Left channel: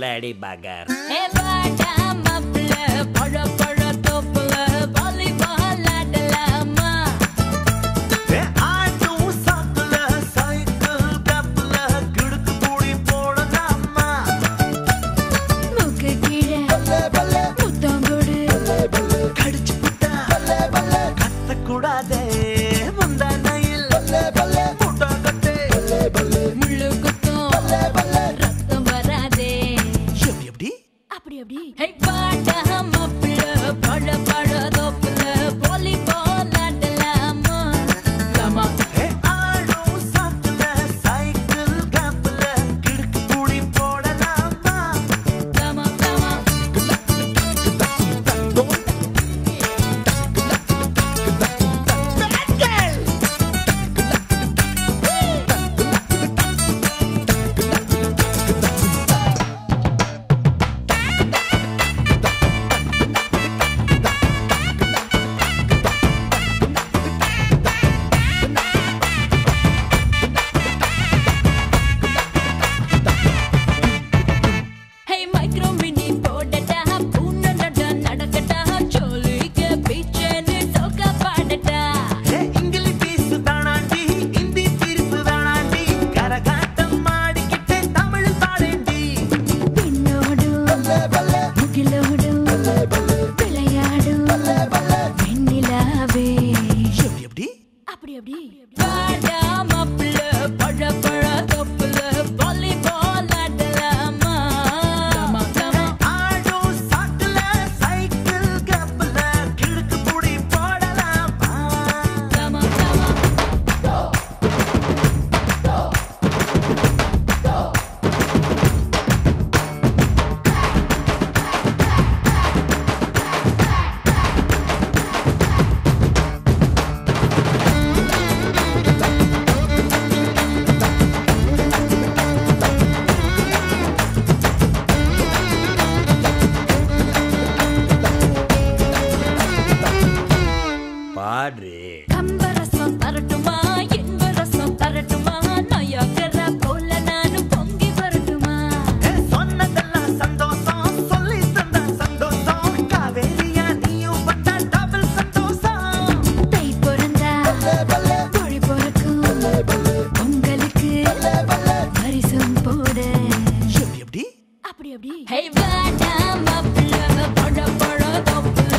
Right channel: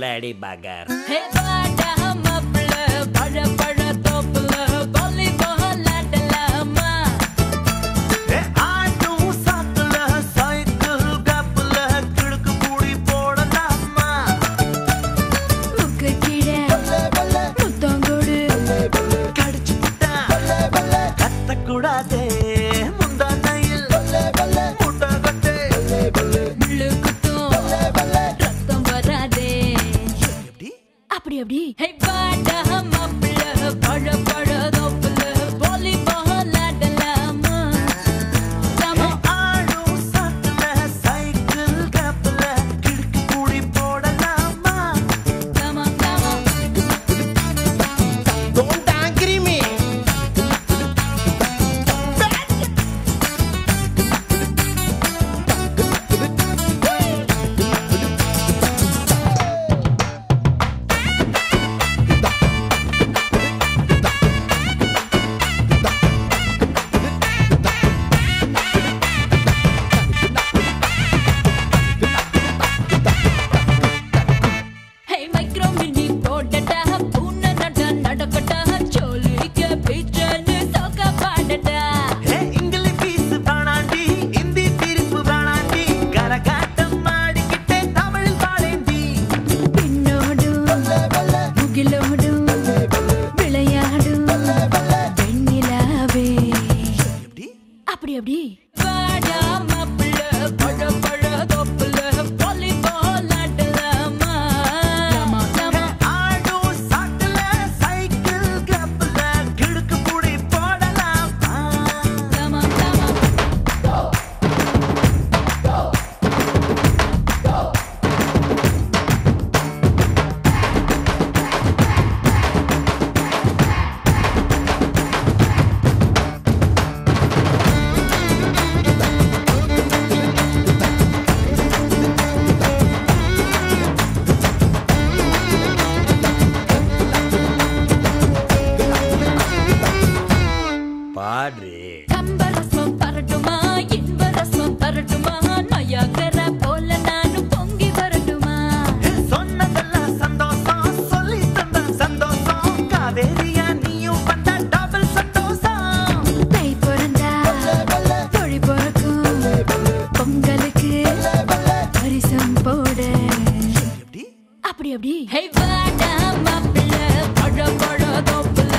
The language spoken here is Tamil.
bloody bugger. Hey, bada mapla, pada pada topla, volleyball adalama. Hey, auto சாக்கல சைக்கிள் கப்பல கிடுக்கு கூடி போடலாமா? முக்கு கீழே முத்தங்கோடு கடிச்சு புட்டா கத்தக்கூடாதே முந்தானையில் முட்டகட்டே முள்ளு குத்தும் ரத்தம் வராதே. எப்படி அப்படி அப்படி. Hey, bada mapla, pada pada topla, volleyball adalama. Come on, come on. Auto சாக்கல சைக்கிள் கப்பல கிடுக்கு கூடி போடலாமா? Come on, come on. Don't angry me. Bad girl. Hey, micro mini போடட்டா, பூனை நட்ட நடக்கட்டா, சோலிக்க பீச்சன்னு சொக்க பாடட்டா. இங்கிலி பீஸ் தானாண்டி இந்தி தீர்ப்பு தானாண்டி கரகாட்டம் மாடிக்கிட்டே தமிழ் பாடேண்டி பின்னோடும் முகிலோடும் விளையாடும் வெண்ணிலாவே. எப்படி அப்படி அப்படி. பாடா மாப்பிள்ள, பழ பழ தொப்புல, வாலிபால் ஆடலாமா? ஆடோ சாக்கல சைக்கிள் கப்பல கிடுக்கு கூடி போடலாமா? Come on, come on. பாடு. கம்பரசம் தரட்டுமா, இன்பரசம் தரட்டுமா, நயாகர போல நானும் பொங்கி வரட்டுமா? சொன்னதெல்லாம் சந்தோஷம் சொல்லி தந்த சந்தோஷம் காவேரியா நீயும் வந்த டபுள் சந்தோஷம் தை பிறந்தா மொழி பிறக்கும், பொங்கலுக்கு பரிசம் போட. எப்படி அப்படி அப்படி. Hey, வாடா மாப்பிள்ள, பழ பழ தொப்புல,